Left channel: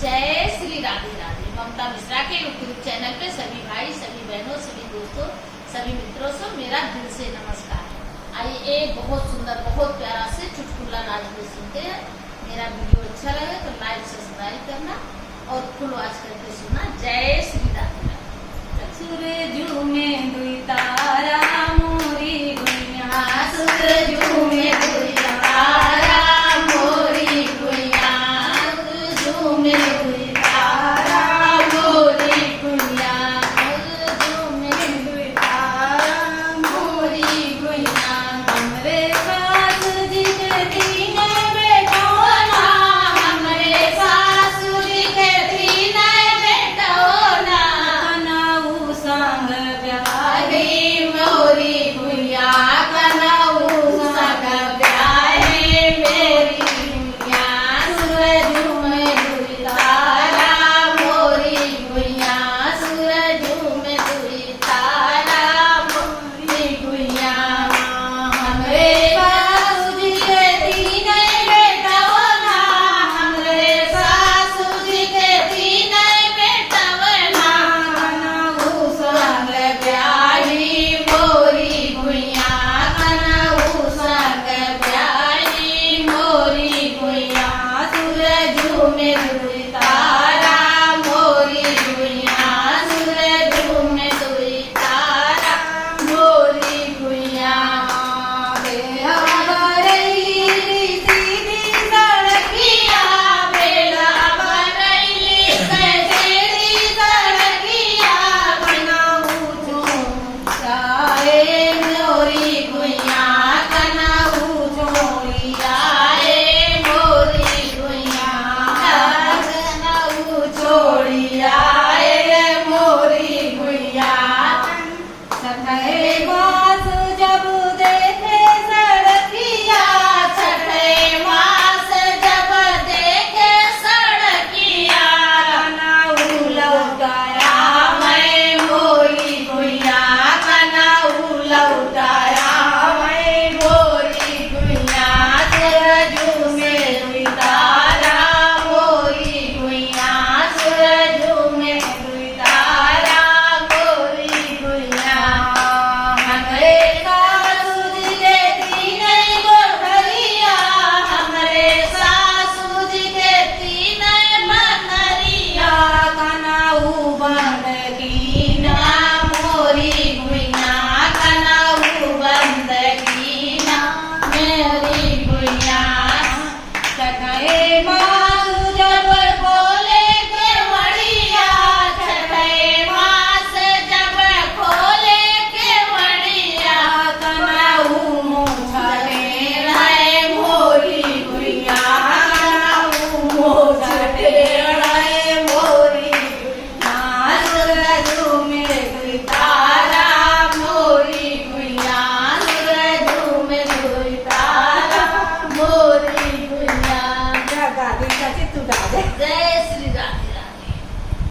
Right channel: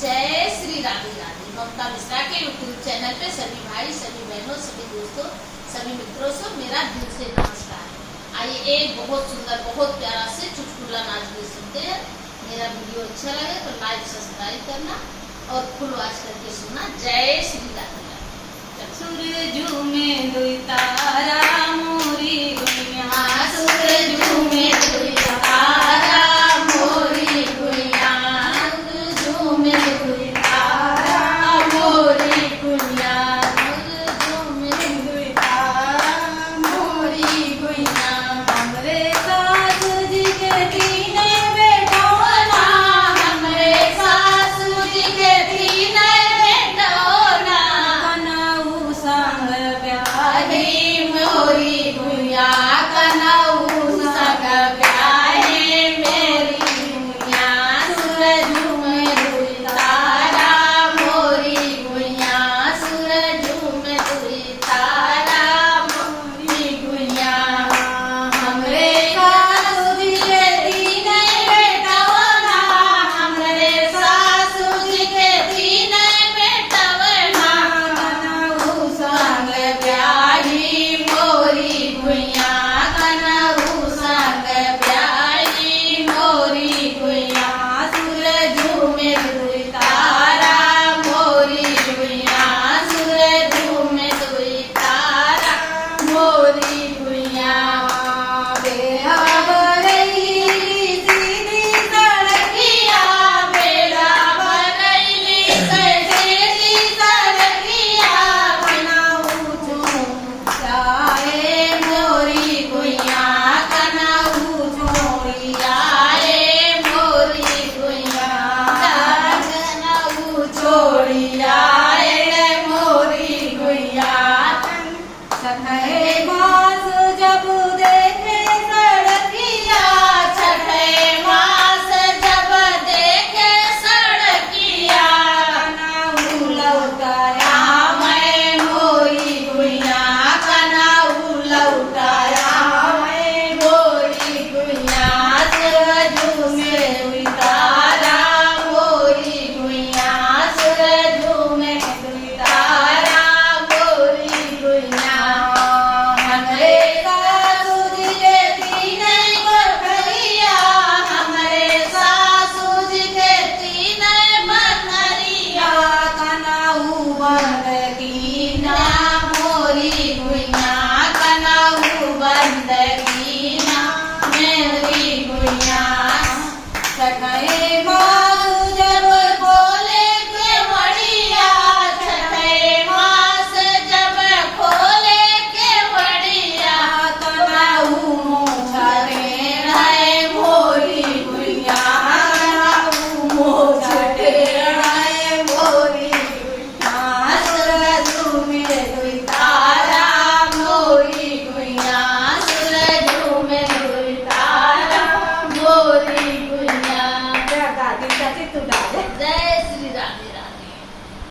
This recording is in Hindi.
जय श्री राधे राधे। ममता मिश्रा के यूट्यूब चैनल पे सभी भाई, सभी बहनों, सभी दोस्तों, सभी मित्रों से मेरा दिल से नमस्कार। आइए एक बहुत सुंदर, बहुत प्यारा से चुटकुला नाच सुनते हैं। मेरा वीडियो अच्छा लगे तो लाइक सब्सक्राइब करना और फुल वॉच करके सुनना। जय श्री राधे राधे। सूरजू में दुई तारा मोरी गुइया, सूरजू में दुई तारा मोरी गुइया, सूरजू में दुई तारा मोरी गुइया, सूरजू में दुई तारा मोरी गुइया। हमरे सासू जी के तीने बेटौना, हमरे सासू जी के तीने बेटौना, कनऊ संग आधी मोरी गुइया, कनऊ संग ब्याहे मेरी गुइया। सूरजू में दुई तारा मोरी गुइया, सूरजू में दुई तारा मोरी गुइया। हमरे सासू जी के तीने बेटौना, हमरे सासू जी के तीने बेटौना, कनऊ संग ब्याही मोरी गुइया, कनऊ संग ब्याही मोरी गुइया। सूरजू में